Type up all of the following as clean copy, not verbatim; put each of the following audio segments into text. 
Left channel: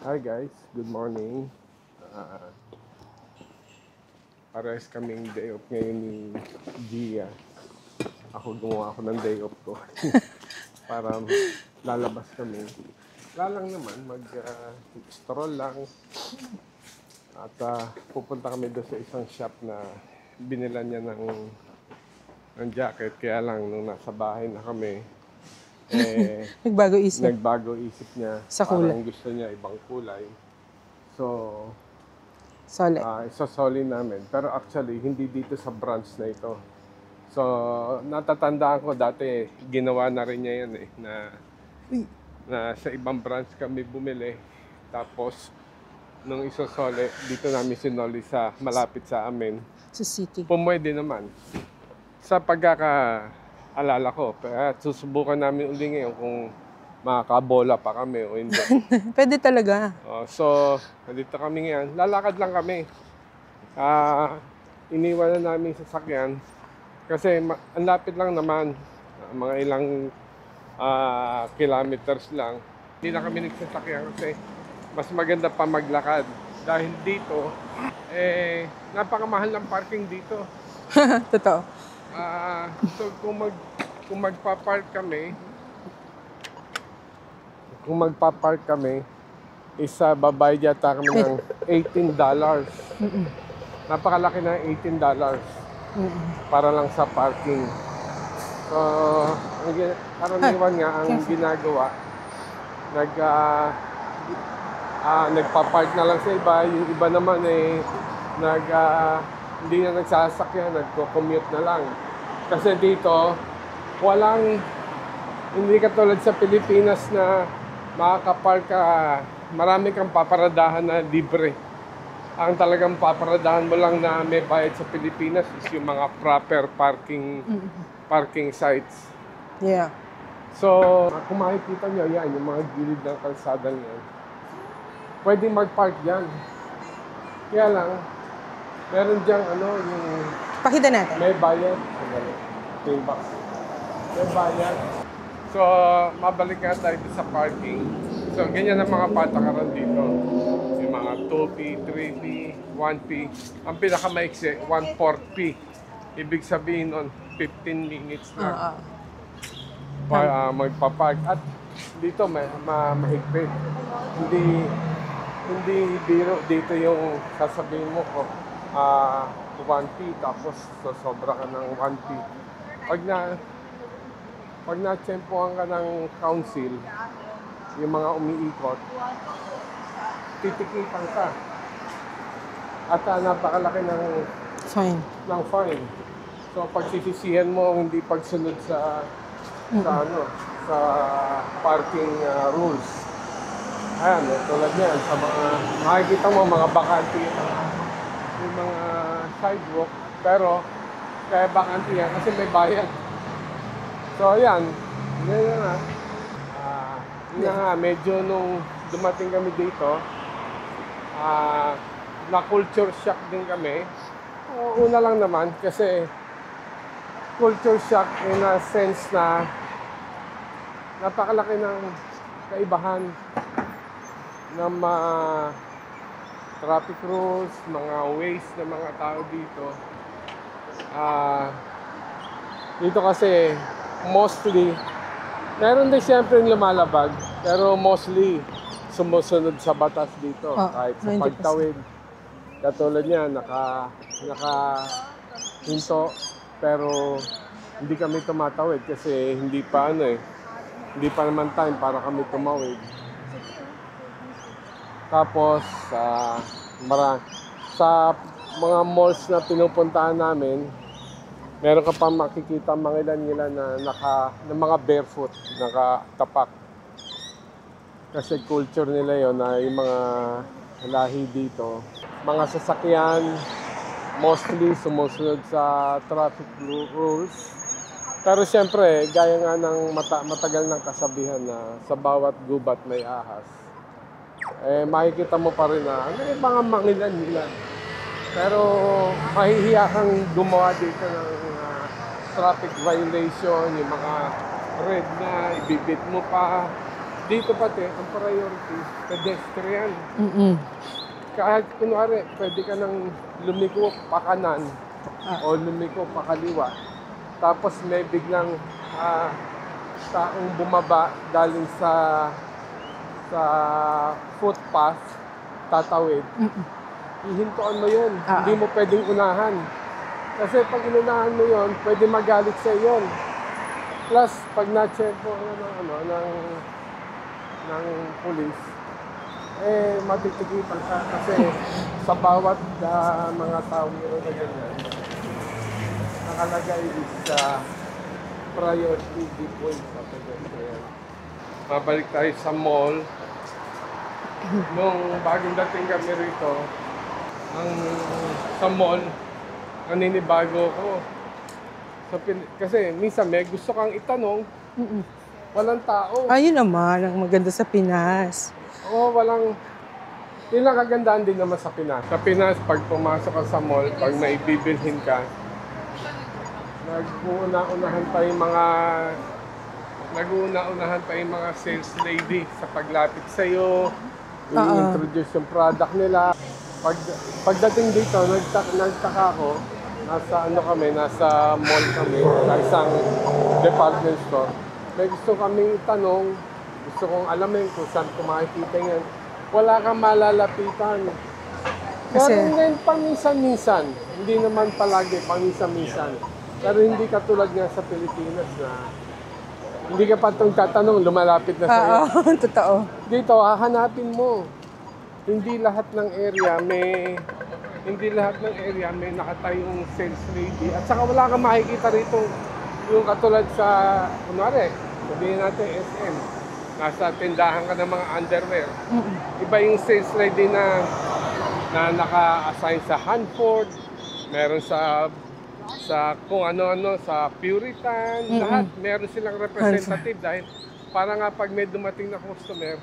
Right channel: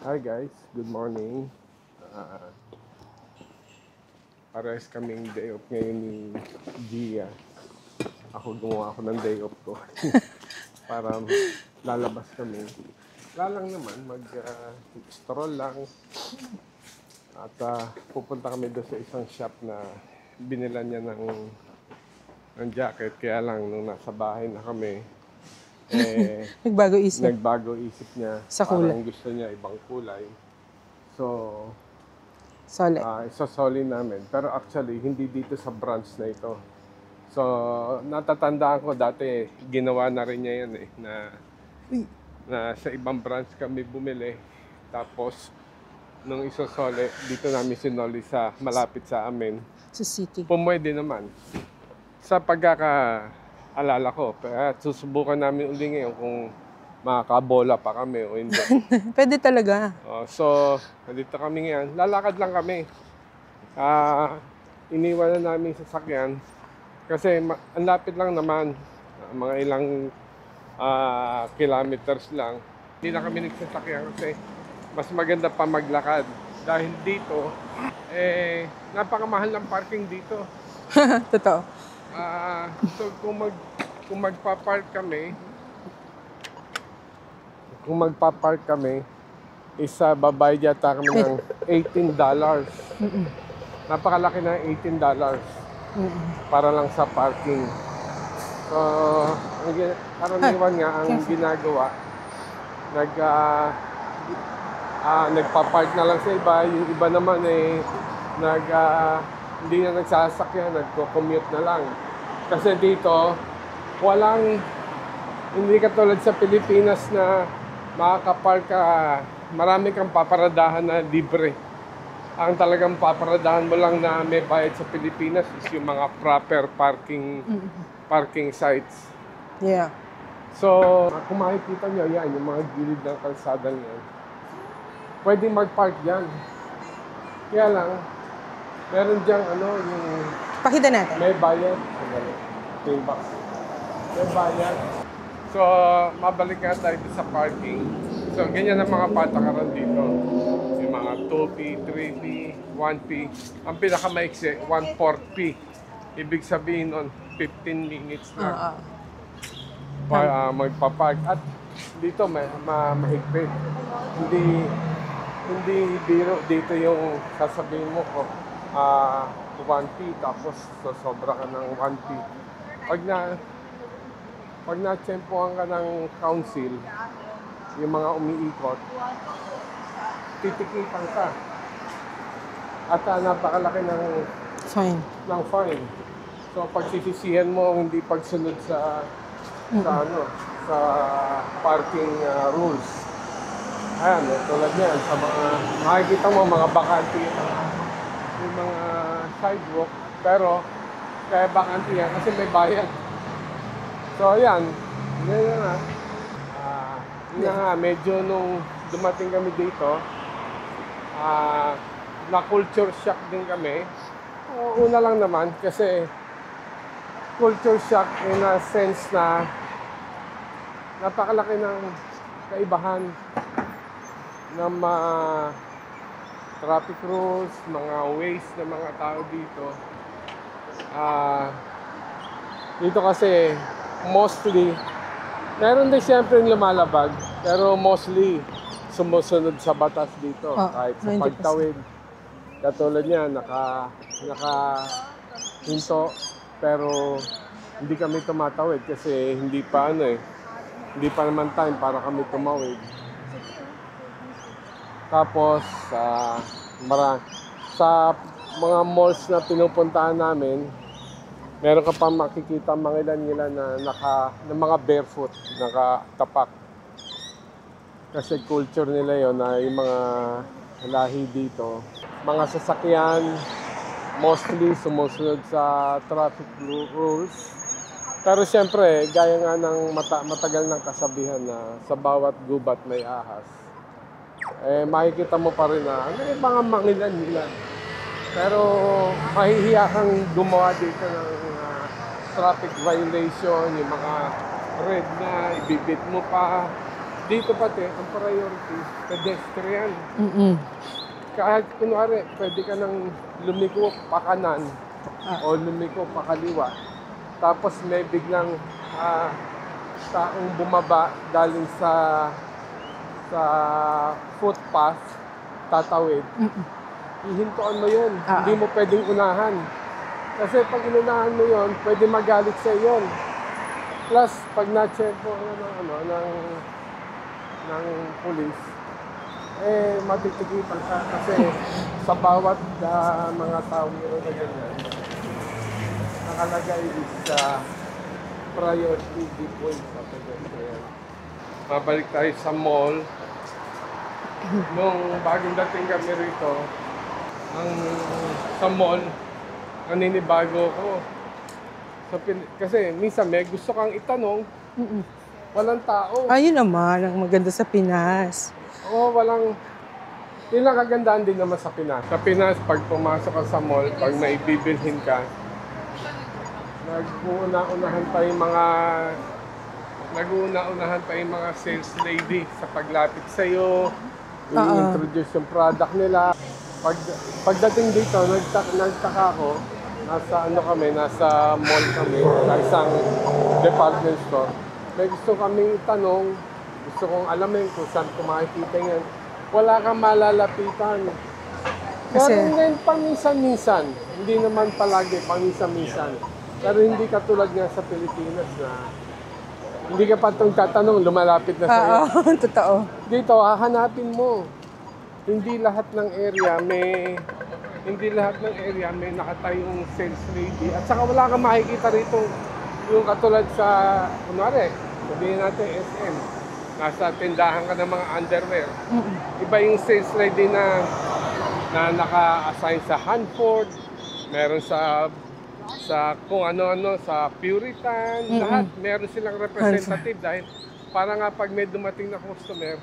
Hi guys, good morning. Uh, Pares kaming day off ngayon ni Gia. Gumawa ako ng day off ko para lalabas kami. Lalang naman, mag-stroll lang. At pupunta kami doon sa isang shop na binilan niya ng jacket. Kaya lang, nung nasa bahay na kami, nagbago isip niya. Sa kulay. Parang gusto niya ibang kulay. So, Solid. isasoli namin. Pero actually, hindi dito sa branch na ito. So, natatandaan ko dati, ginawa na rin niya yan na sa ibang branch kami bumili. Tapos, nung isasoli, dito namin sinoli sa malapit sa amin. Sa city. Pumwede naman. Sa pagkakaalala ko, susubukan namin uli ngayon kung makakabola pa kami o hindi. Pwede talaga. So, nandito kami ngayon. Lalakad lang kami. Iniwan na namin sasakyan. Kasi ang lapit lang naman. Mga ilang kilometers lang. Hindi na kami nagsasakyan kasi mas maganda pa maglakad. Dahil dito, napakamahal ng parking dito. Totoo. So, kung magpa-park kami, babayad yata kami ng $18. Napakalaki na $18 para lang sa parking. So, karaniwan nga ang ginagawa, nagpa-park na lang sa iba. Yung iba naman hindi na nagsasakyan, nagko-commute na lang. Kasi dito, hindi katulad sa Pilipinas na makakapark ka, marami kang paparadahan na libre. Ang talagang paparadahan mo lang na may bayad sa Pilipinas is yung mga proper parking sites. Yeah. So, kung makikita nyo, yan, yung mga gilid ng kalsada niyan. Pwede mag-park dyan. Kaya lang, meron dyan, yung Pakita natin. may bayad. May bayad. So, mabalik nga tayo sa parking. So, ganyan ang mga patakaran dito. Yung mga 2P, 3P, 1P. Ang pinakamaiksi, 1/4 P. Ibig sabihin nun, 15 minutes na magpapark. At dito, mahigpit. Hindi biro dito yung sasabihin mo ko, 1P tapos sobra ka ng 1P. Pag na-tsempohan ka ng council, yung mga umiikot, titikitan ka. At napakalaki ng fine. So pagsisisihan mo ang hindi pagsunod sa parking rules. Ayan, tulad niyan, sa mga makikita mo mga bakante yung mga sidewalk, pero kaya bakante yan kasi may bayad. So ayan, yun nga, medyo nung dumating kami dito, na-culture shock din kami. Una lang naman kasi culture shock in a sense na napakalaki ng kaibahan ng mga traffic rules, mga ways ng mga tao dito. Dito kasi mostly, meron din siyempre lumalabag, pero mostly sumusunod sa batas dito. Kahit sa 90%. pagtawid. Katulad niya, hinto, pero hindi kami tumatawid kasi hindi pa naman time para kami tumawid. Tapos, sa mga malls na pinupuntahan namin, meron ka pang makikita mga ilan na mga barefoot, nakatapak. Kasi culture nila yon na yung mga lahi dito. Mga sasakyan, mostly sumusunod sa traffic rules. Pero siyempre, gaya nga ng matagal ng kasabihan na sa bawat gubat may ahas. Makikita mo pa rin na may mga mangilan-ilan. Pero mahihiya kang gumawa dito ng traffic violation, yung mga red na, ibibit mo pa. Dito pati, ang priority, pedestrian. Mm-mm. Kahit kunwari, pwede ka nang lumiko pa kanan o lumiko pa kaliwa. Tapos may biglang taong bumaba galing sa footpath, tatawid. Ihintuan mo yun. Hindi mo pwedeng unahan. Kasi pag inunahan mo yun, pwede magalit sa yun. Plus, pag na-check mo ng police, matitigitan ka kasi sa bawat mga tao meron na ganyan. Nakalagay sa priority point sa pedestrian. Mabalik tayo sa mall. Nung bagong dating kami rito, sa mall, naninibago ko. Kasi minsan may gusto kang itanong, walang tao. Ayun naman, ang maganda sa Pinas. Oo, walang... Yun ang kagandahan din naman sa Pinas. Sa Pinas, pag pumasok ka sa mall, pag may bibilhin ka, nag-uuna-unahan pa yung mga sales lady sa paglapit sa'yo, i-introduce yung product nila. Pagdating dito, nagtaka ako, nasa mall kami, sa isang department store. May gusto kami itanong, gusto kong alamin kung saan ko makikita yan. Wala kang malalapitan. Pero ngayon, paminsan-minsan, hindi naman palagi, paminsan-minsan. Pero hindi katulad nga sa Pilipinas na hindi ka pa itong tatanong, lumalapit na sa'yo. Oo, totoo. Dito, hahanapin mo. Hindi lahat ng area may nakatayong sales lady. At saka wala kang makikita rito yung katulad sa, kunwari, sabihin natin SM. Nasa tindahan ka ng mga underwear. Iba yung sales lady na naka-assign sa Hanford, meron sa kung ano-ano, sa Puritan, lahat. Meron silang representative dahil para nga pag may dumating na customer,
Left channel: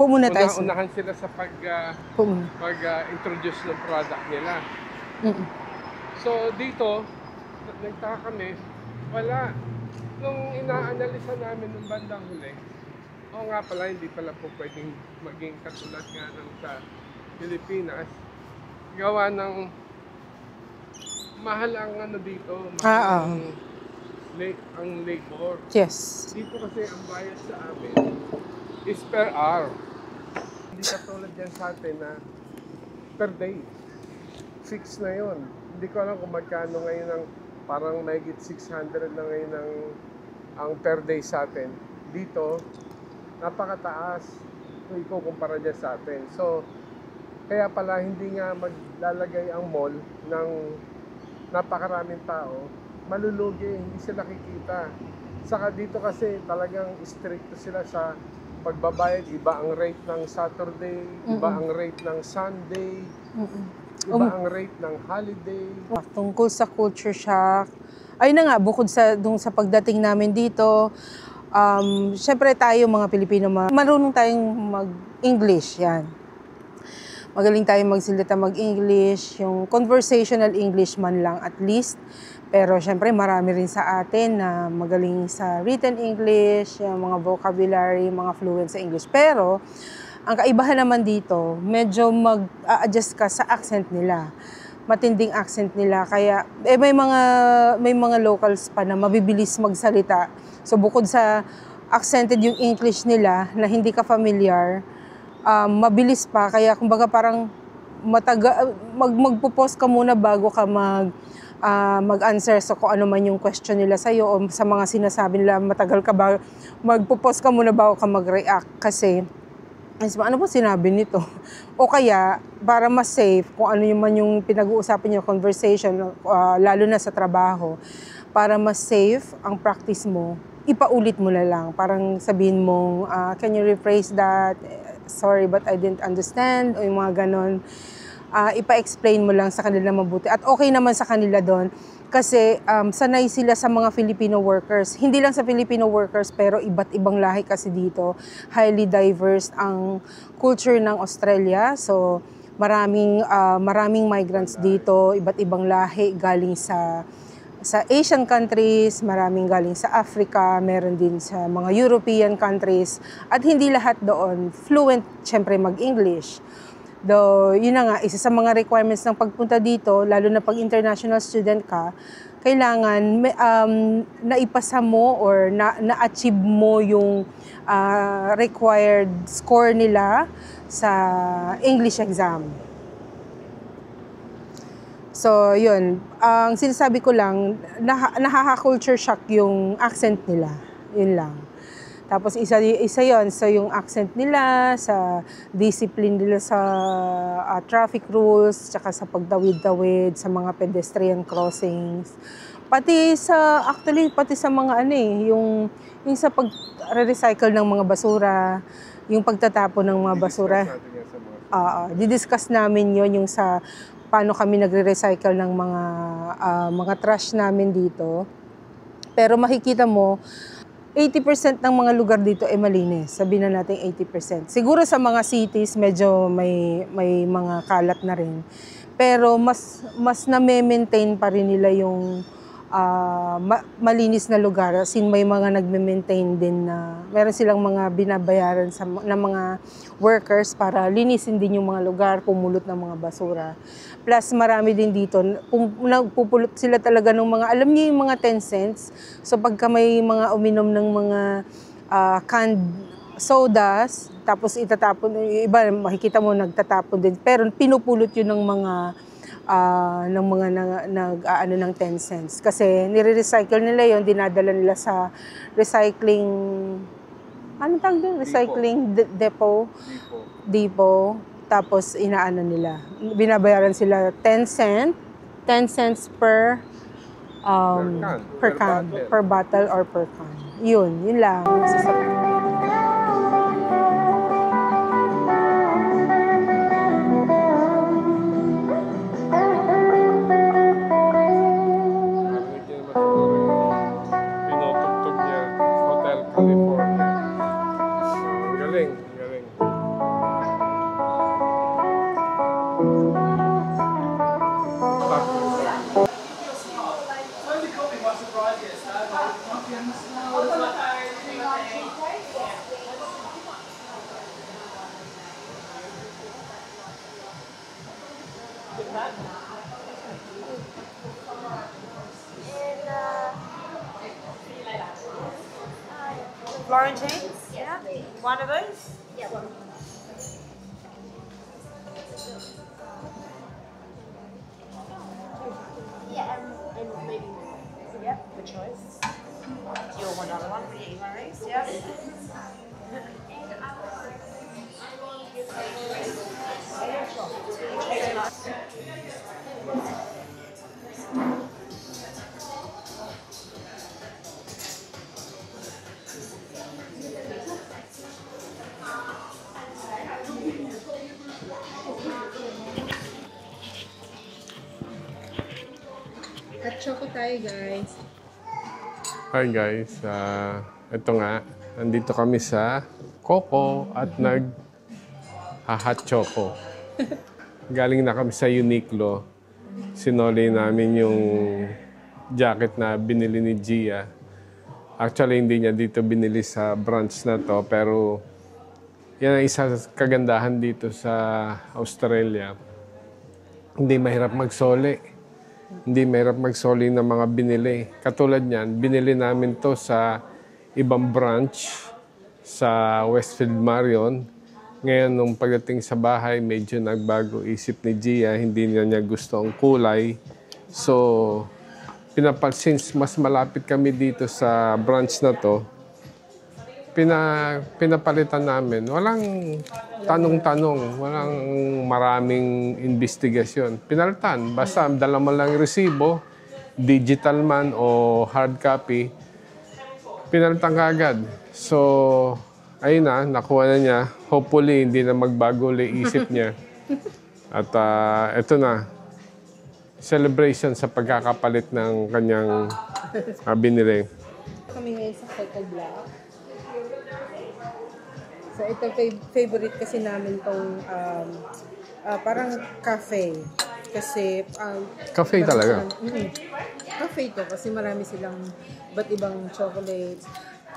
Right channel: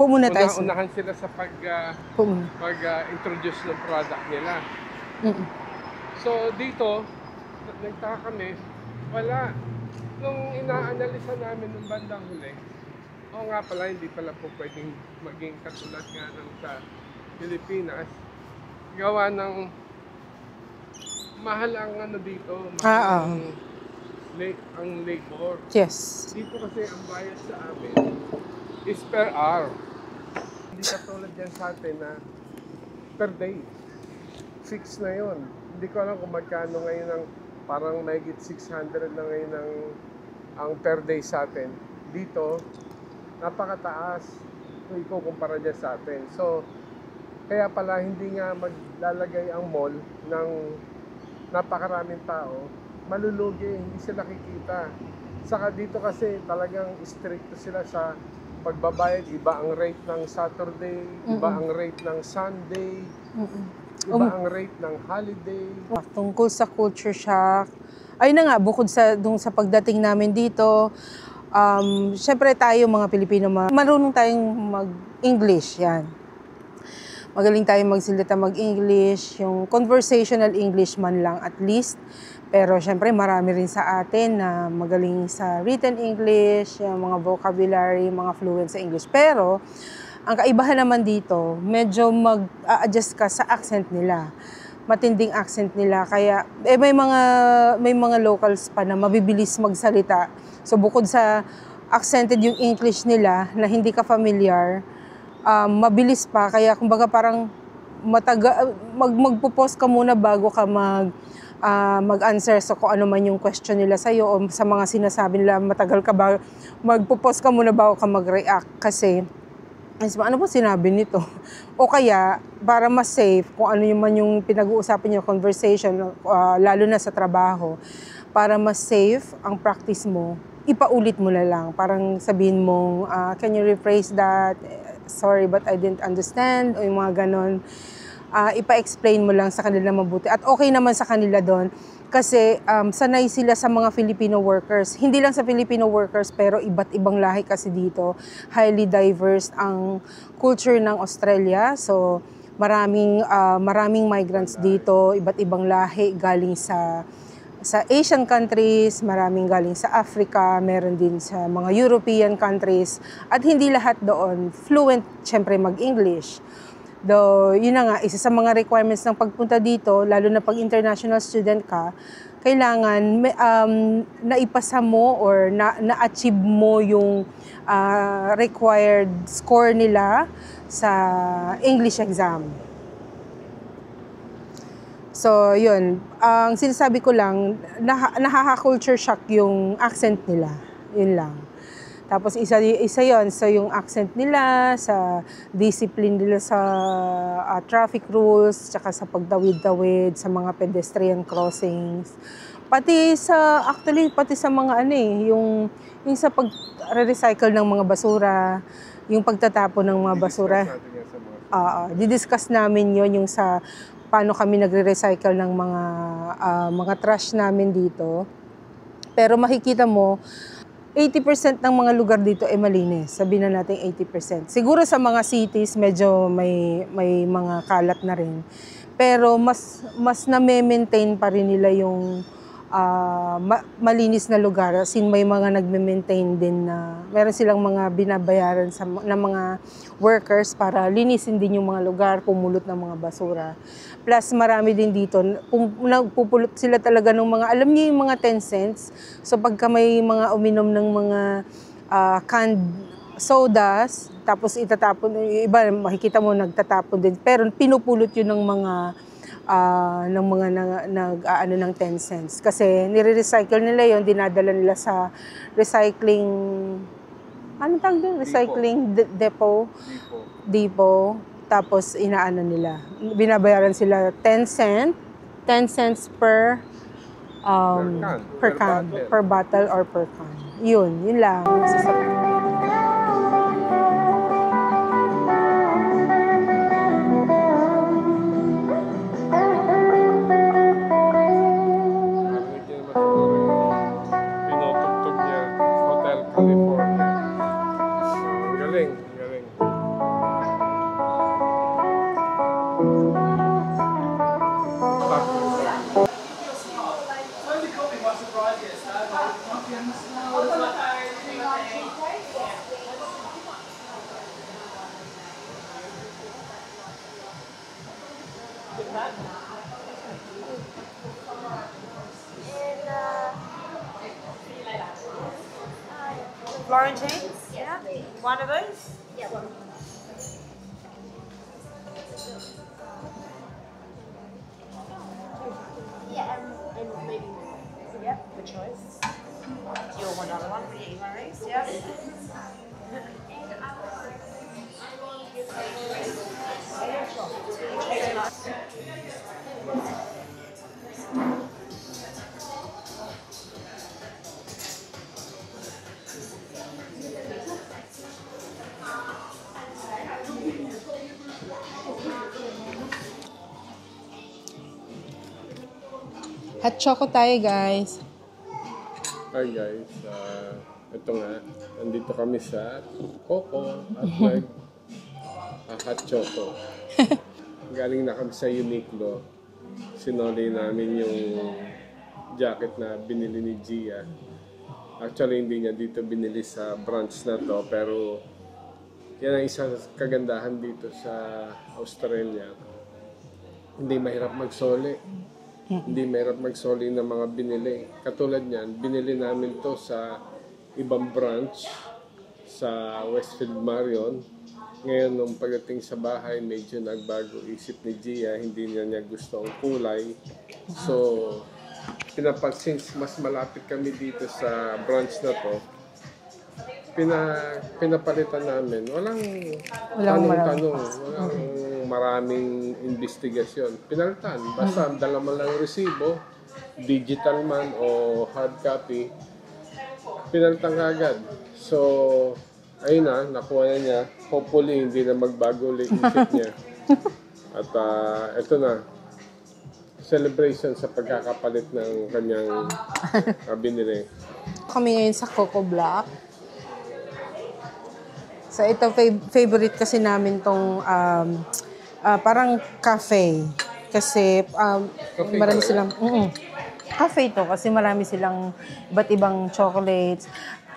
unahan sila sa pag-introduce ng product nila. So dito, nagtaka kami, wala. Nung inaanalisa namin nung bandang huli, oo nga pala, hindi pala po pwedeng maging katulad nga ng sa Pilipinas. Gawa ng mahal ang dito, mahal ang labor. Yes. Dito kasi ang bayad sa amin is per hour. Hindi katulad yan sa atin na per day. Fix na yon. Hindi ko alam kung magkano ngayon ang parang mahigit 600 na ngayon ang per day sa atin. Dito, napakataas kung ikukumpara dyan sa atin. So, kaya pala hindi nga maglalagay ang mall ng napakaraming tao, malulugi, hindi sila kikita. Saka dito kasi talagang stricto sila sa pagbabayad. Iba ang rate ng Saturday, iba ang rate ng Sunday, iba ang rate ng holiday. Tungkol sa culture shock, ayun na nga, bukod sa pagdating namin dito, syempre tayo mga Pilipino, marunong tayong mag-English, yan. Magaling tayong magsalita mag-English, yung conversational English man lang at least. Pero syempre marami rin sa atin na magaling sa written English, yung mga vocabulary, mga fluent sa English. Pero ang kaibahan naman dito, medyo mag-a-adjust ka sa accent nila. Matinding accent nila. Kaya may mga locals pa na mabibilis magsalita. So bukod sa accented yung English nila na hindi ka familiar, mabilis pa, kaya kumbaga parang magpo-pause ka muna bago ka mag-answer sa kung ano man yung question nila sa'yo o sa mga sinasabi nila, matagal ka ba, magpo-pause ka muna bago ka mag-react kasi ano ba sinabi nito? O kaya, para mas safe, kung ano man yung pinag-uusapan niyo conversation, lalo na sa trabaho, para mas safe ang practice mo, ipaulit mo na lang. Parang sabihin mong, can you rephrase that? Sorry, but I didn't understand, o yung mga ganon. Ipa-explain mo lang sa kanila mabuti. At okay naman sa kanila doon, kasi sanay sila sa mga Filipino workers. Hindi lang sa Filipino workers, pero iba't ibang lahi kasi dito. Highly diverse ang culture ng Australia. So, maraming migrants dito, iba't ibang lahi galing sa sa Asian countries, maraming galing sa Africa, meron din sa mga European countries, at hindi lahat doon fluent, syempre, mag-English. Though, yun na nga, isa sa mga requirements ng pagpunta dito, lalo na pag international student ka, kailangan naipasa mo or na-achieve mo yung required score nila sa English exam. So, yun. Ang sinasabi ko lang, nakaka-culture shock yung accent nila. Yun lang. Tapos, isa yun. So, yung accent nila, sa discipline nila sa traffic rules, tsaka sa pagdawid-dawid, sa mga pedestrian crossings. Pati sa mga yung sa pag-recycle ng mga basura, yung pagtatapon ng mga basura. Didiscuss namin yun, yung sa paano kami nagre-recycle ng mga trash namin dito. Pero makikita mo, 80% ng mga lugar dito ay malinis. Sabihin na natin 80%. Siguro sa mga cities, medyo may mga kalat na rin. Pero mas na-maintain pa rin nila yung malinis na lugar. As in, may mga nagme-maintain din na meron silang mga binabayaran na mga workers para linisin din yung mga lugar, pumulot ng mga basura. Plus, marami din dito, nagpupulot sila talaga ng mga, alam niyo yung mga 10 cents. So, pagka may mga uminom ng mga canned sodas, tapos itatapon, iba, makikita mo nagtatapon din. Pero pinupulot yun ng mga ng 10 cents. Kasi nire-recycle nila yon, dinadala nila sa recycling, ano tawag doon? Recycling depot. Tapos nila. Binabayaran sila 10 cents per can, per bottle or per can. Yun lang. Florentines? Yeah. One of those? Yeah, one. Yeah, and maybe more. Yep, good choice. You'll want another one for your emails? Yep. Hot choco tayo, guys. Hi guys, ito nga, nandito kami sa Coco at nag-hot choco. Galing na kami sa Uniqlo. Sinoli namin yung jacket na binili ni Gia. Actually, hindi niya dito binili sa branch na to, pero yan ang isa kagandahan dito sa Australia. Hindi mahirap magsoli. Hindi mahirap magsoli ng mga binili. Katulad niyan, binili namin to sa ibang branch sa Westfield Marion. Ngayon, nung pagdating sa bahay, medyo nagbago isip ni Gia. Hindi niya gusto ang kulay. So, since mas malapit kami dito sa branch na to, pinapalitan namin. Walang tanong-tanong, walang maraming investigasyon. Pinalitan. Basta dala mo lang yung resibo, digital man o hard copy, pinalitan ka agad. So, ayun na, nakuha na niya. Hopefully, hindi na magbago ulit isip niya. At eto na, celebration sa pagkakapalit ng kanyang binili. Kami ngayon sa Coco Block. So ito, favorite kasi namin tong parang cafe. Kasi Cafe marami talaga? silang, cafe to kasi marami silang iba't ibang chocolates.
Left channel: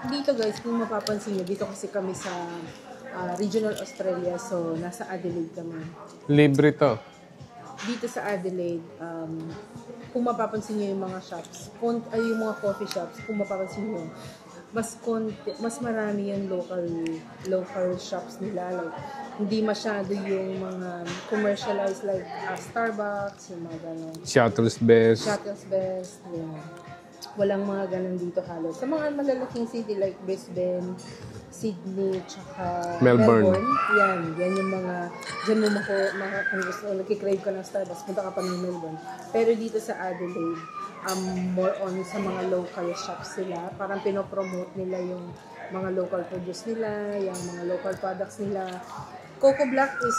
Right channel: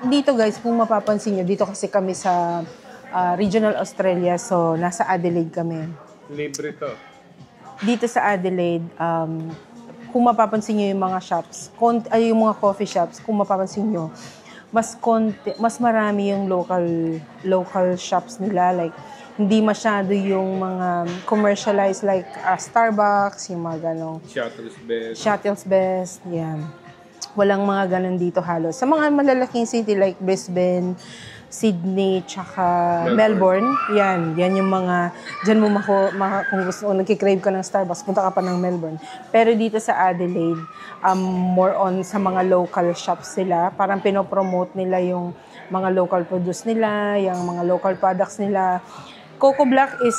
Dito guys, kung mapapansin nyo, dito kasi kami sa Regional Australia, so nasa Adelaide kami. Libre to. Dito sa Adelaide, kung mapapansin nyo yung mga shops, yung mga coffee shops, kung mapapansin nyo, mas marami yung local shops nila, like hindi masyado yung mga commercialized like Starbucks, yung mga ganong Shuttle's Best. Shuttle's Best, yan. Walang mga ganon dito halos. Sa mga malalaking city like Brisbane, Sydney, tsaka Melbourne, yan yung mga, dyan mo kung gusto, nagkikrave ka ng Starbucks, punta ka pa ng Melbourne. Pero dito sa Adelaide, more on sa mga local shops sila, parang pinopromote nila yung mga local produce nila, yung mga local products nila. Coco Black is,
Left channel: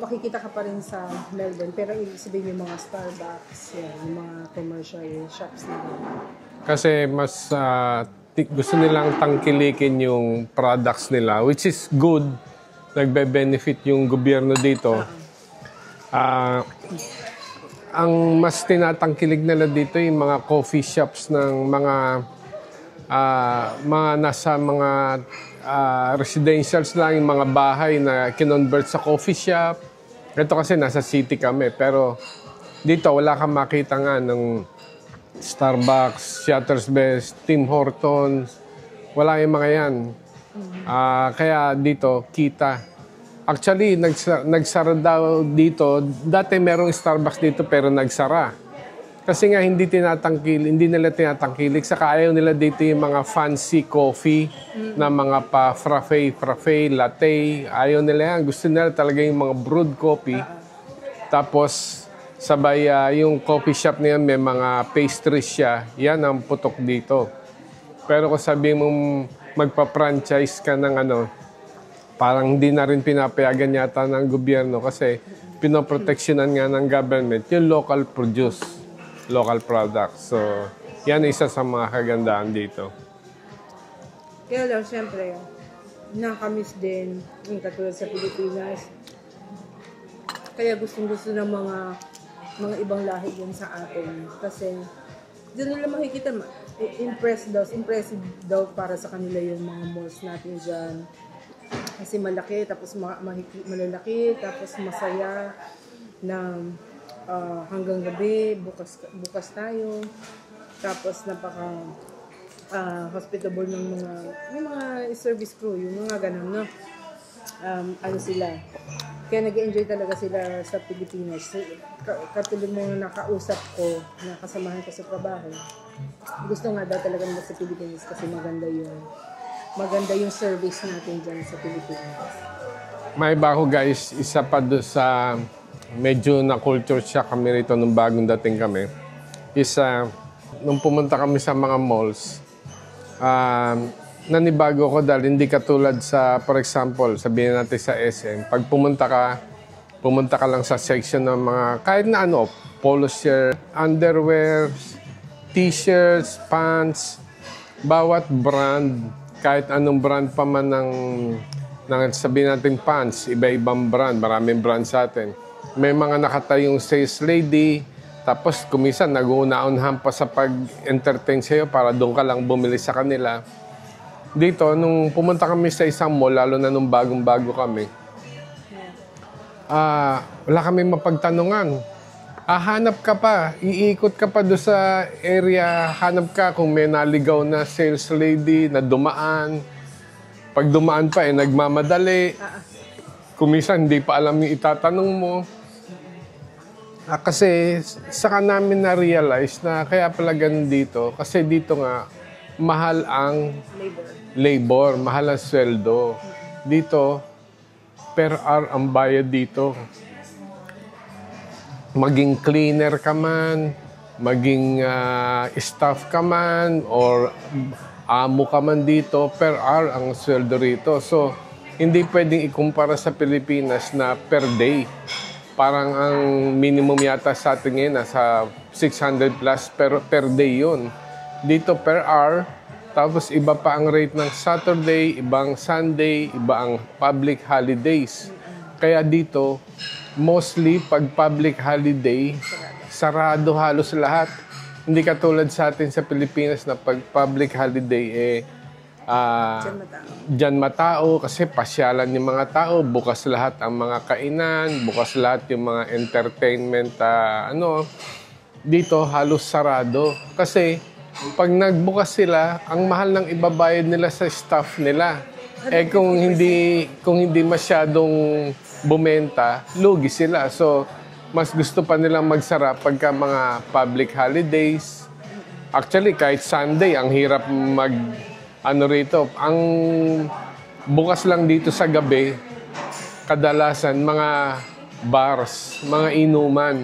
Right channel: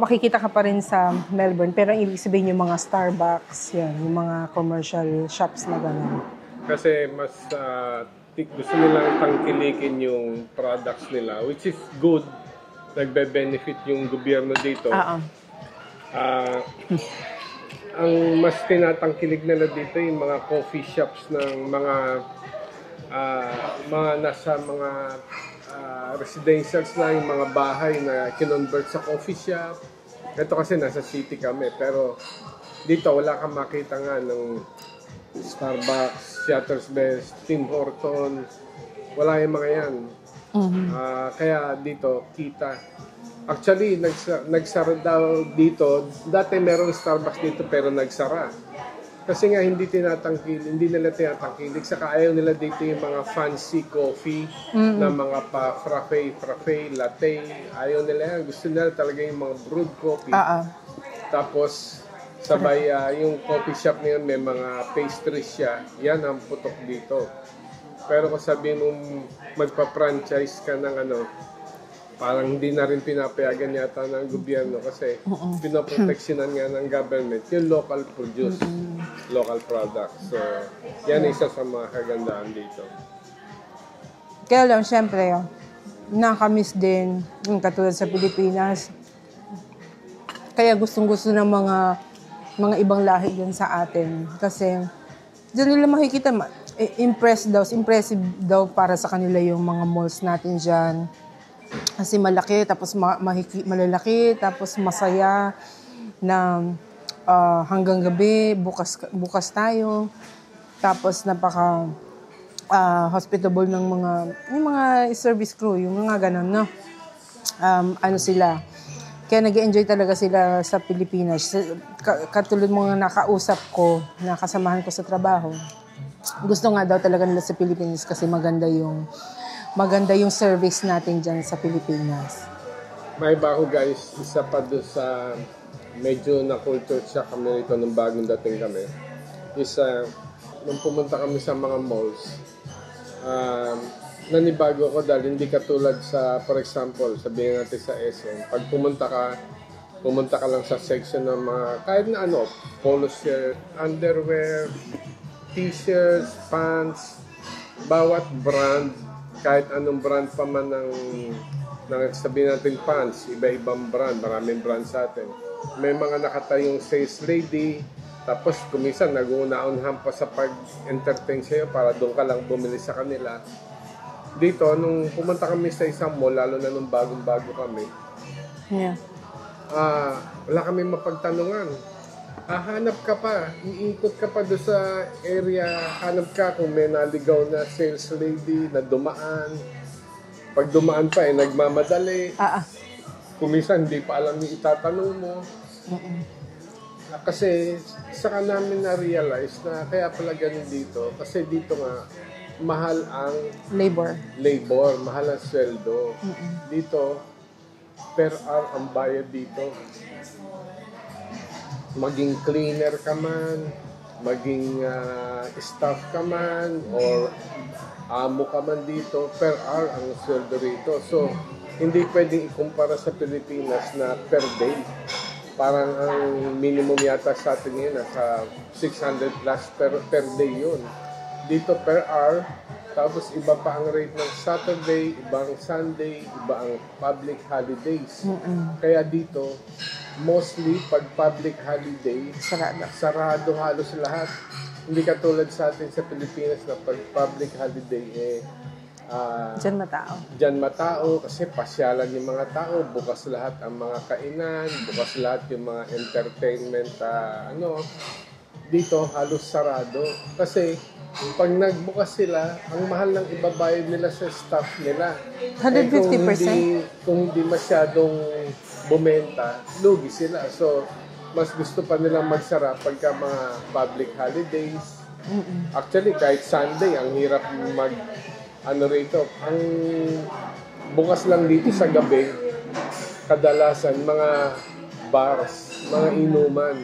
makikita ka pa rin sa Melbourne, pero ang ibig sabihin yung mga Starbucks, yan, yung mga commercial shops na gano'n. Kasi mas gusto nilang tangkilikin yung products nila, which is good. Nagbe-benefit yung gobyerno dito. Ang mas tinatangkilig nila dito yung mga coffee shops ng mga nasa mga residentials lang, yung mga bahay na kinonvert sa coffee shop. Ito kasi nasa city kami, pero dito wala kang makita nga ng Starbucks, Shuttle's Best, Tim Hortons. Wala yung mga yan. Kaya dito, kita. Actually, nagsara daw dito. Dati merong Starbucks dito pero nagsara. Kasi nga hindi nila tinatangkilik. Saka ayaw nila dito yung mga fancy coffee na mga frappe, latte. Ayaw nila yan. Gusto nila talaga yung mga brewed coffee. Tapos, sabay yung coffee shop niya may mga pastries siya. Yan ang putok dito. Pero kung sabihin mong magpa-franchise ka ng parang hindi na rin pinapayagan yata ng gobyerno kasi pinoproteksyonan nga ng government yung local produce. Local products. So, yan isa sa mga kagandahan dito. Kaya lang, syempre, nakamiss din, yung katulad sa Pilipinas. Kaya gustong-gusto ng mga ibang lahi dyan sa atin. Kasi, dyan nila makikita, impressive daw para sa kanila yung mga malls natin dyan. Kasi malaki, tapos malalaki, tapos masaya na hanggang gabi, bukas tayo. Tapos napaka hospitable ng yung mga service crew, yung mga ganun, no? Sila. Kaya nag-enjoy talaga sila sa Pilipinas. Katulad mga nakausap ko, nakasamahan ko sa trabaho. Gusto nga daw talaga nila sa Pilipinas kasi maganda yung service natin dyan sa Pilipinas. May bago guys, isa pa doon sa medyo na-culture shock kami rito nung bagong dating kami. Nung pumunta kami sa mga malls, nanibago ko dahil hindi katulad sa, for example, sabihin natin sa SM, pag pumunta ka lang sa section ng mga, kahit na polo shirt, underwear, t-shirts, pants, bawat brand, kahit anong brand pa man ng sabihin natin pants, iba-ibang brand, maraming brand sa atin. May mga nakatayong sales lady, tapos kumisan nag-uuna-unahan pa sa pag-entertain sa'yo para doon ka lang bumili sa kanila. Dito, nung pumunta kami sa isang mall, lalo na nung bagong-bago kami, wala kami mapagtanungan. Hanap ka pa, iikot ka pa doon sa area, hanap ka kung may naligaw na sales lady na dumaan. Pag dumaan pa, nagmamadali. Kumisan, hindi pa alam yung itatanong mo. Kasi saka namin na-realize na kaya pala ganun dito. Kasi dito nga, mahal ang labor, mahal ang sweldo. Dito, per hour ang bayad dito. Maging cleaner ka man, maging staff ka man, or amo ka man dito, per hour ang sweldo rito. So, hindi pwedeng ikumpara sa Pilipinas na per day. Parang ang minimum yata sa atin ngayon, nasa 600 plus per day yun. Dito per hour, tapos iba pa ang rate ng Saturday, ibang Sunday, iba ang public holidays. Kaya dito, mostly pag public holiday, sarado halos lahat. Hindi katulad sa atin sa Pilipinas na pag public holiday, Diyan matao. Diyan matao kasi pasyalan yung mga tao, bukas lahat ang mga kainan, bukas lahat yung mga entertainment, dito halos sarado. Kasi pag nagbukas sila, ang mahal ng ibabayad nila sa staff nila. 150%. Kung hindi masyadong bumenta, lugi sila. So, mas gusto pa nilang magsara pagka mga public holidays. Actually, kahit Sunday, ang hirap rito. Ang bukas lang dito sa gabi, kadalasan mga bars, mga inuman.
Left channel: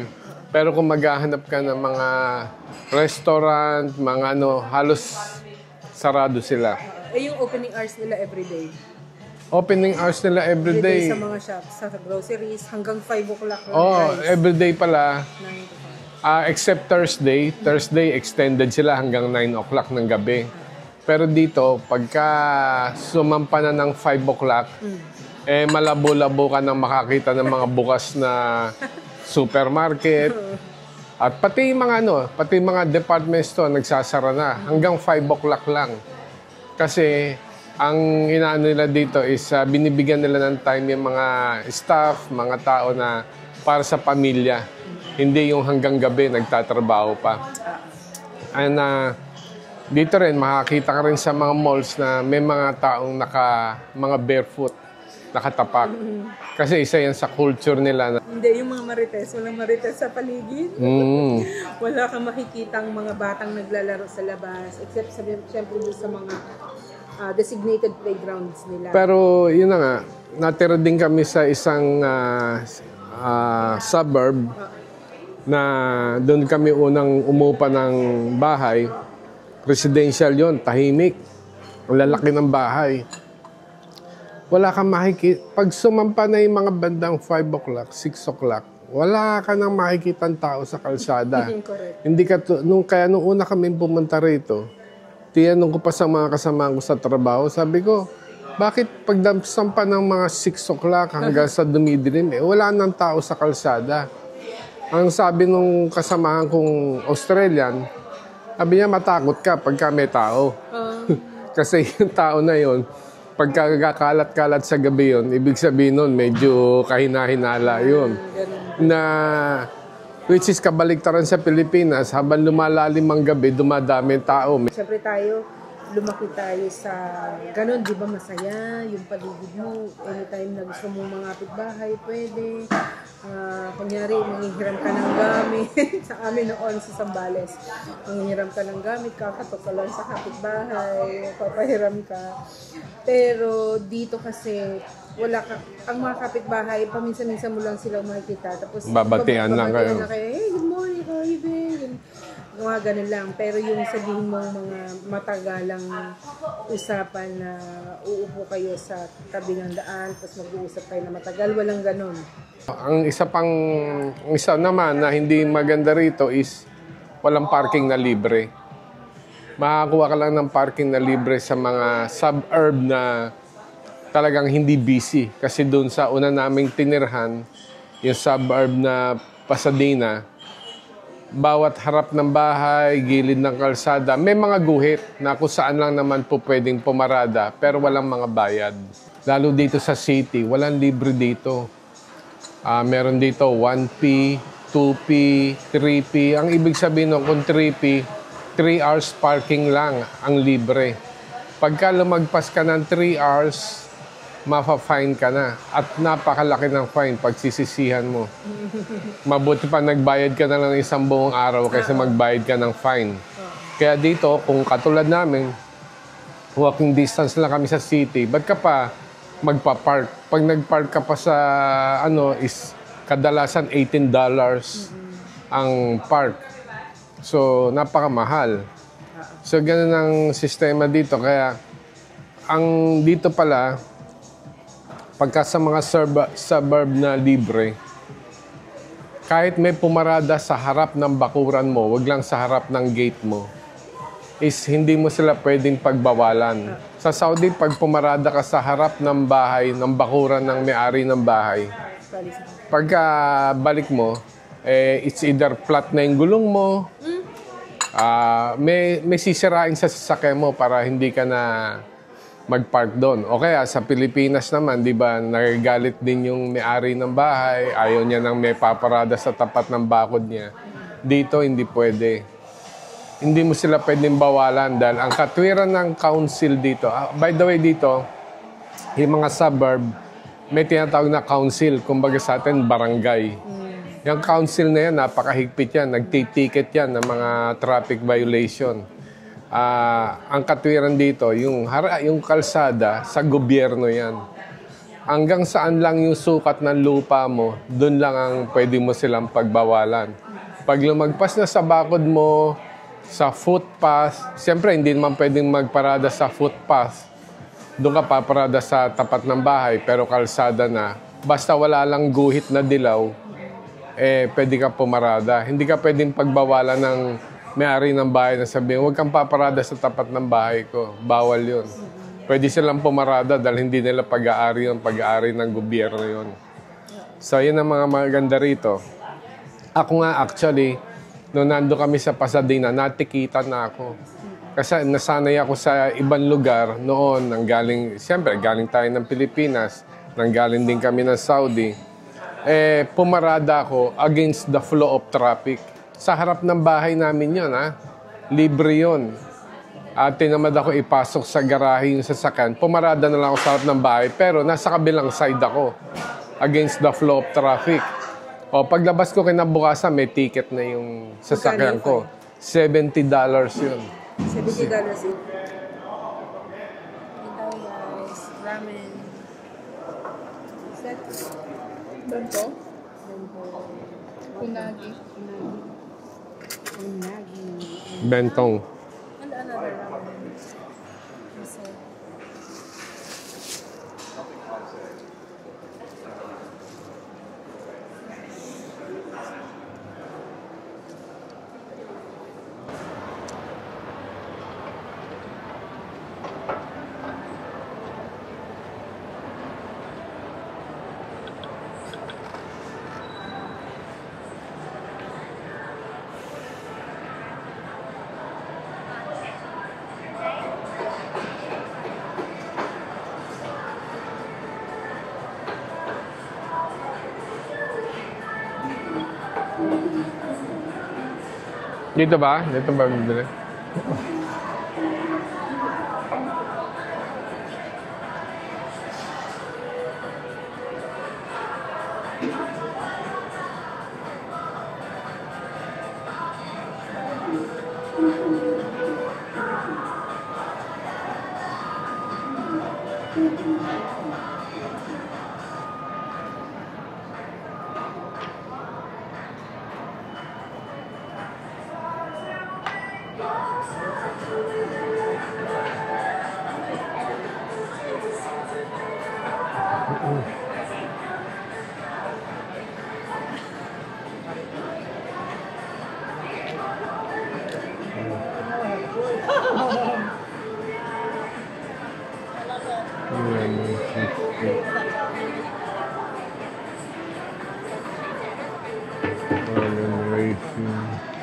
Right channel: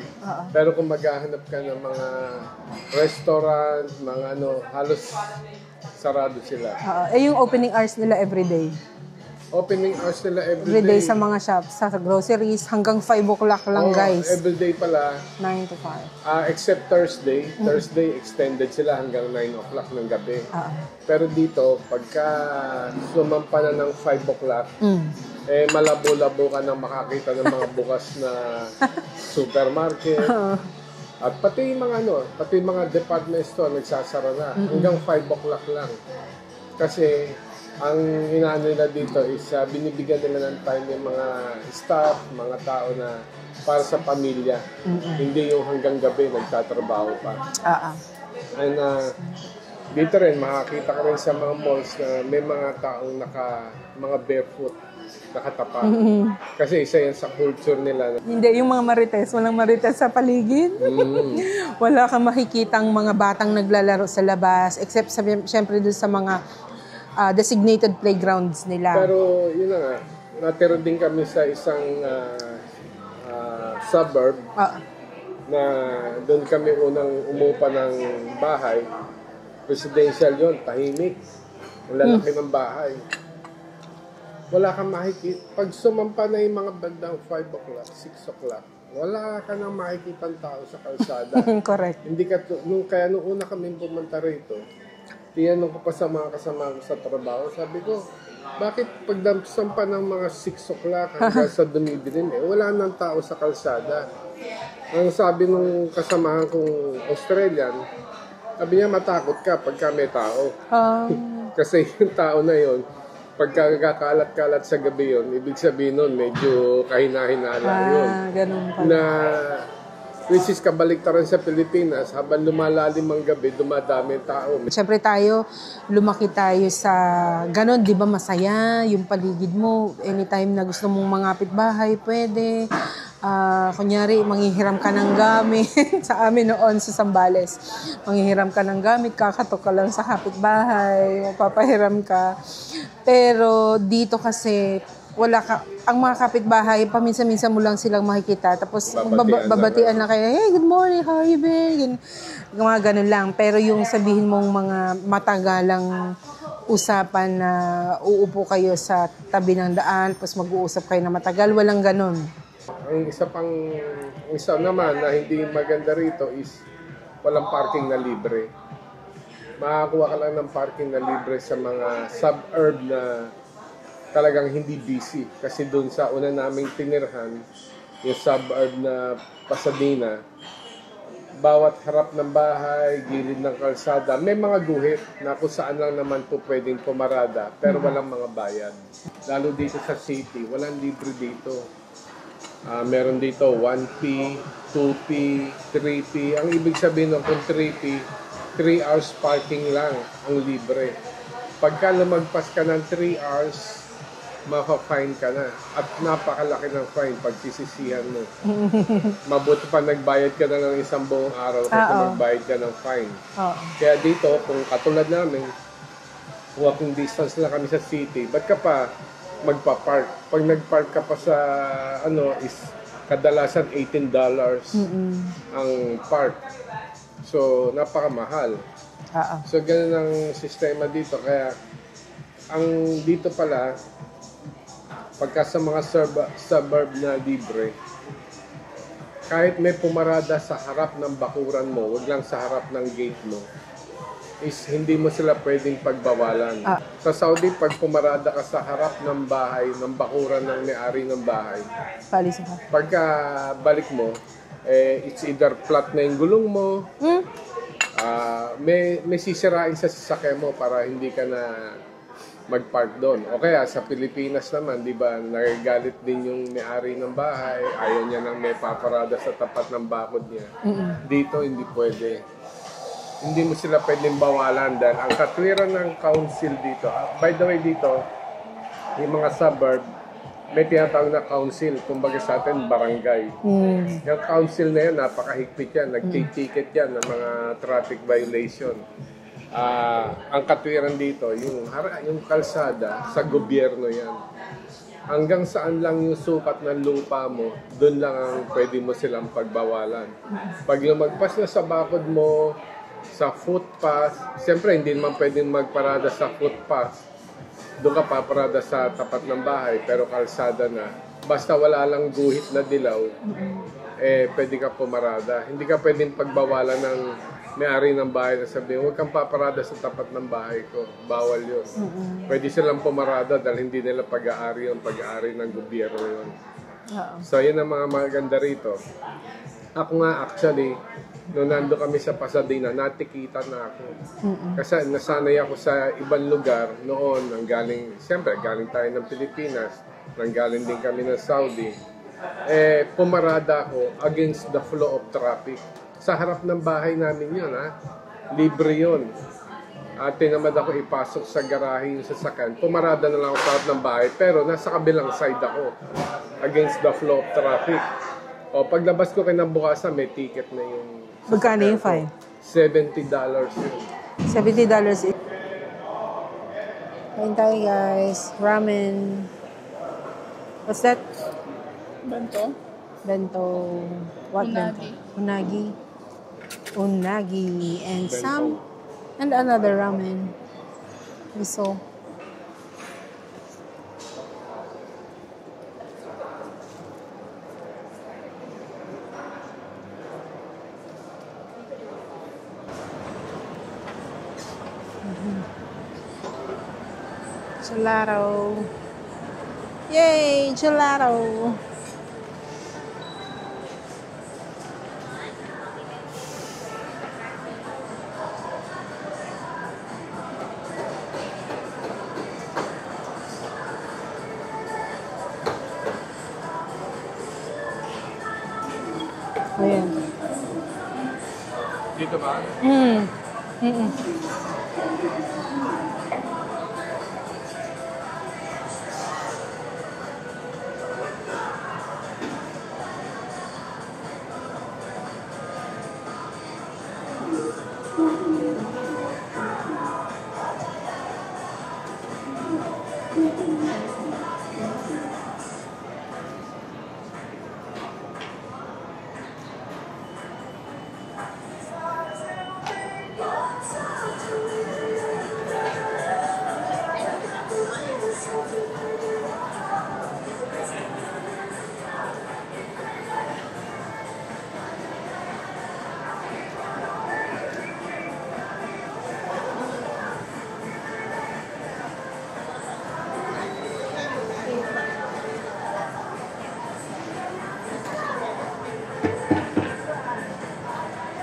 Pero kung maghahanap ka ng mga restaurant, mga halos sarado sila. Yung opening hours nila everyday. Opening hours nila everyday. Everyday sa mga shops, sa groceries, hanggang 5 o'clock lang, guys. Everyday pala. 9 to 5. Except Thursday. Thursday, extended sila hanggang 9 o'clock ng gabi. Pero dito, pagka sumampa na ng 5 o'clock, malabo-labo ka nang makakita ng mga bukas na supermarket. At pati mga department store nagsasara na hanggang 5 o'clock lang. Kasi ang inaano nila dito is binibigyan nila ng time yung mga staff, mga tao na para sa pamilya. Hindi yung hanggang gabi nagtatrabaho pa. And dito rin, makakita ka rin sa mga malls na may mga taong mga barefoot, nakatapak. Kasi isa yan sa culture nila. Hindi, yung mga marites, walang marites sa paligid. Wala kang makikitang mga batang naglalaro sa labas, except siyempre dun sa mga designated playgrounds nila. Pero yun na nga, natira din kami sa isang suburb na doon kami unang umupa ng bahay. Residential yon, tahimik. Ang lalaki ng bahay. Wala kang makikita. Pag sumampa na yung mga bandang 5 o'clock, 6 o'clock, wala ka nang makikitang tao sa kalsada. Correct. Hindi ka nung una kami pumunta rito, tinanong ko pa sa mga kasama ko sa trabaho, sabi ko, bakit pag sampa ng mga 6 o'clock hanggang sa dumidilim, wala nang tao sa kalsada. Ang sabi nung kasamahan kong Australian, sabi niya, matakot ka pagka may tao. Kasi yung tao na yon, pagka kakalat-kalat sa gabi yon, ibig sabihin nun, medyo kahina-hinala yun. Ganun pala. Which is kabaliktaran sa Pilipinas, habang lumalalim ang gabi, dumadami ang tao. Siyempre tayo, lumaki tayo sa ganun, di ba masaya yung paligid mo. Anytime na gusto mong mangapit bahay, pwede. Kunyari, manghihiram ka ng gamit. Sa amin noon sa Zambales, manghihiram ka ng gamit, kakatok ka lang sa kapitbahay, papahiram ka. Pero dito kasi, wala ka, ang mga kapitbahay, paminsan-minsan mo lang silang makikita. Tapos, babatian na kayo. Hey, good morning, how you been? Mga ganun lang. Pero yung sabihin mong mga matagalang usapan na uupo kayo sa tabi ng daan, tapos mag-uusap kayo na matagal, walang ganun. Ang isa naman na hindi maganda rito is walang parking na libre. Makakuha ka lang ng parking na libre sa mga suburb na talagang hindi busy. Kasi doon sa una naming tinirhan, yung suburb na Pasadena, bawat harap ng bahay, gilid ng kalsada, may mga guhit na kung saan lang naman po pwedeng pumarada, pero walang mga bayad. Lalo dito sa city, walang libre dito. Meron dito 1P, 2P, 3P. Ang ibig sabihin nun, kung 3P, 3 hours parking lang ang libre. Pagka lumagpas ka ng 3 hours, mafa-fine ka na. At napakalaki ng fine pag sisisihan mo. Mabuti pa nagbayad ka na lang isang buong araw kaysa magbayad ka ng fine. Kaya dito, kung katulad namin, walking distance lang kami sa city, ba't ka pa magpa-park? Pag nag-park ka pa sa is kadalasan $18 ang park. So, napakamahal. So, ganun ang sistema dito. Kaya, ang dito pala, pagka sa mga suburb na libre, kahit may pumarada sa harap ng bakuran mo, wag lang sa harap ng gate mo, is hindi mo sila pwedeng pagbawalan. Sa Saudi, pag pumarada ka sa harap ng bahay, ng bakuran ng may-ari ng bahay, pagka balik mo, it's either flat na yung gulong mo, may sisirain sa sasakyan mo para hindi ka na mag-park doon. O kaya sa Pilipinas naman, di ba, nagagalit din yung may-ari ng bahay, ayaw niya nang may paparada sa tapat ng bakod niya. Dito, hindi pwede. Hindi mo sila pwedeng bawalan dahil ang katwiran ng council dito, by the way dito, yung mga suburb, may tinatawag na council, kumbaga sa atin, barangay. Yung council na yan, napakahigpit yan, nagtitiket yan ng mga traffic violation. Ang katwiran dito, yung kalsada, sa gobyerno yan. Hanggang saan lang yung sukat ng lupa mo, doon lang ang pwede mo silang pagbawalan. Pag lumagpas na sa bakod mo, sa footpath, siyempre hindi naman pwedeng magparada sa footpath. Doon ka paparada sa tapat ng bahay, pero kalsada na. Basta wala lang guhit na dilaw, pwede ka pumarada. Hindi ka pwedeng pagbawalan ng may-ari ng bahay na sabihin, huwag kang paparada sa tapat ng bahay ko. Bawal yun. Pwede silang pumarada dahil hindi nila pag-aari yun, pag-aari ng gobyerno yun. So, yun ang mga maganda rito. Ako nga, actually, noong nando kami sa Pasadena, natikitan na ako. Kasi nasanay ako sa ibang lugar noon, siyempre, galing tayo ng Pilipinas, nanggaling din kami ng Saudi. Pumarada ako against the flow of traffic. Sa harap ng bahay namin yun, libre yun. At tinamad ako ipasok sa garahe yung sasakyan. Pumarada na lang ako sa harap ng bahay, pero nasa kabilang side ako against the flow of traffic. O, paglabas ko kinabukasan, may ticket na yung sasakyan ko. $70 yun. $70. Kain tayo, guys. Ramen. What's that? Bento. Bento. What? Unagi. Unagi. Unagi. And Bentong. And another ramen. Miso. Gelato. Yay! Gelato! Ayan. Dito ba? Dito ba?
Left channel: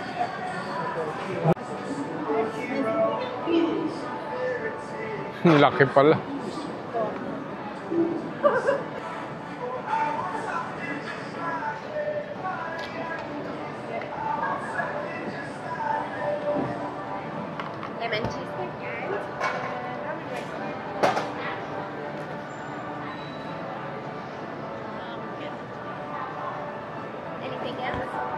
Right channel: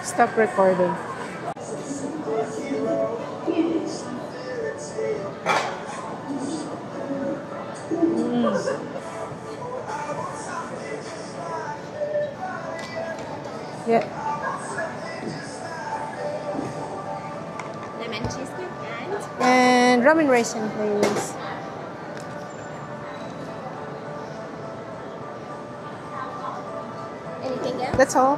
Stop recording. Laki pala. Yeah. Lemon cheese And ramen rice, please. Anything else? That's all.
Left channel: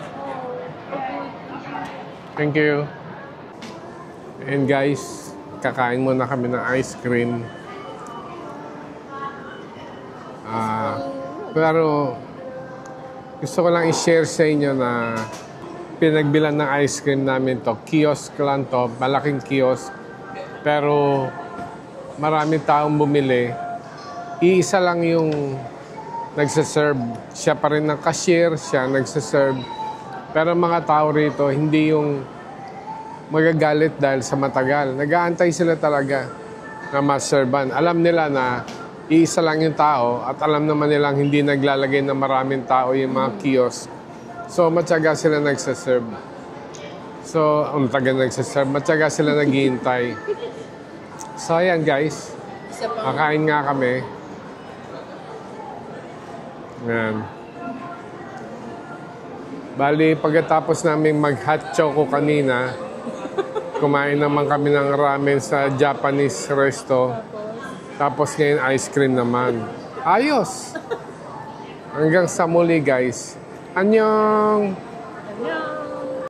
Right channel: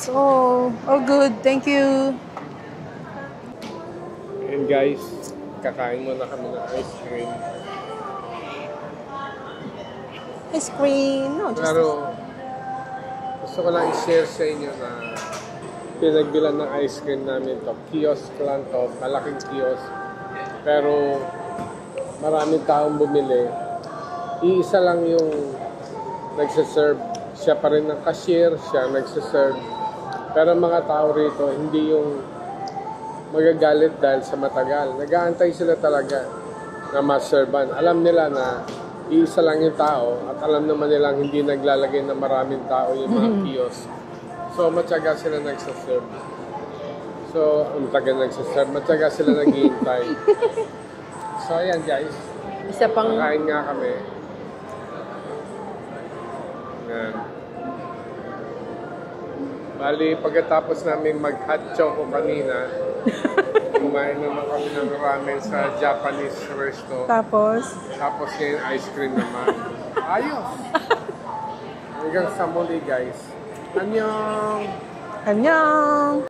So, all good. Thank you. Thank you. And guys, kakain muna kami ng ice cream. Ice cream. No, Pero gusto ko lang i-share sa inyo na pinagbilan ng ice cream namin to. Kiosk lang to, malaking kiosk. Pero maraming taong bumili. Iisa lang yung nagsaserve. Siya pa rin ang cashier, siya nagsaserve. Pero mga tao rito, hindi yung magagalit dahil sa matagal. Nag-aantay sila talaga na maserban. Alam nila na iisa lang yung tao at alam naman nilang hindi naglalagay ng maraming tao yung mga kiosk. So, matyaga sila nagsaserve. Matyaga sila naghihintay. So, ayan guys. Isa pang... Kakain nga kami. Ayan. Bali, pagkatapos namin mag-hot choco kanina, kumain naman kami ng ramen sa Japanese resto. Tapos ngayon ice cream naman. Ayos! Hanggang sa muli guys. Annyeong! Annyeong!